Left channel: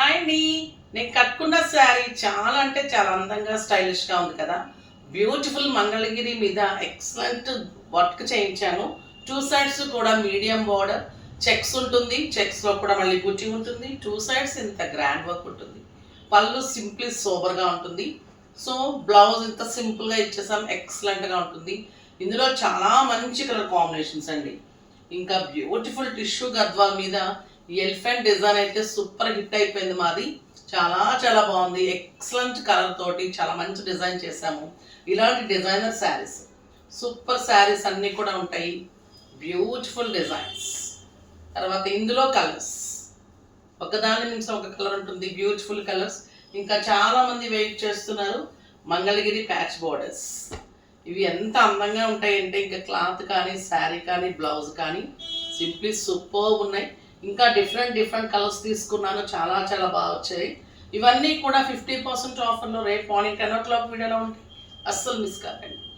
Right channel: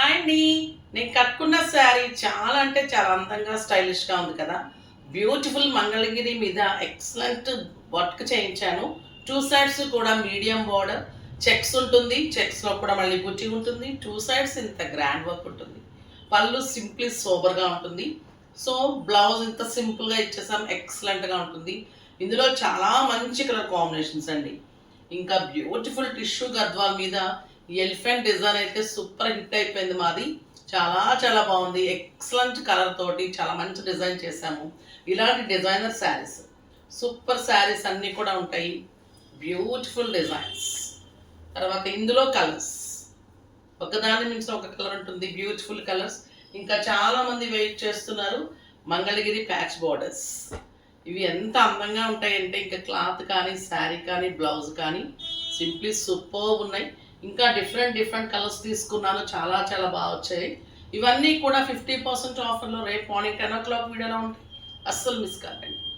Hi అండి. నేను కట్టుకున్న శారీ చాలా అంటే చాలా అందంగా స్టైలిష్గా ఉంది కదా. బ్యూటిఫుల్ మంగళగిరి మీద ఎక్సలెంట్ వర్క్ చేయించాను. టూ సైడ్స్ కూడా మీడియం బోర్డర్ చెక్స్ ఉంటుంది. చెక్స్లో కూడా మళ్ళీ బుట్టి ఉంటుంది. టూ సైడ్స్ ఇంత గ్రాండ్ వర్క్ ఉంటుంది. పళ్ళు సింప్లీ సోబర్గా ఉంటుంది. సో బ్లౌజ్ ఇంత సింపుల్గా ఇచ్చేసాం, ఎక్సలెంట్గా ఉంటుంది. ఇందులో చాలా మంచి కలర్ కాంబినేషన్స్ అండి. ఇంకా బ్యూటిఫుల్ టిష్యూ గద్వాల్ మీద ఈ ఎలిఫెంట్ డిజైన్ అయితే సూపర్ హిట్ అయిపోయింది మాది. చాలా చాలా బాగుంది. ఎక్సలెంట్ కలర్ తోటి చాలా మంచి డిజైన్ చేశాము. ఇలాంటి డిజైనర్ శారీస్, సూపర్ శారీస్ అన్నీ కూడా ఉంటాయి. Beautiful designs. తర్వాత ఇందులో కలర్స్ ఒకదాని నుంచి ఒక కలర్ ఉంటుంది. Beautiful colours. ఇంకా చాలామంది వెయిట్ చేస్తున్నారు మంగళగిరి ప్యాచ్ బోర్డర్స్. ఇవి ఎంత అందంగా ఉంటాయంటే ఇంకా క్లాత్ కానీ శారీ కానీ బ్లౌజ్ కానీ సింప్లీ సూపర్ ఉన్నాయి. ఇంకా డిఫరెంట్ డిఫరెంట్ కలర్స్ తీసుకున్నాను, చాలా చాలా బాగా వచ్చాయి. ఇవన్నీ కూడా 50% ఆఫర్లో రేపు మార్నింగ్ 10 o'clock వీడియోలో ఉంటాయి. అస్సలు మిస్ కాకండి.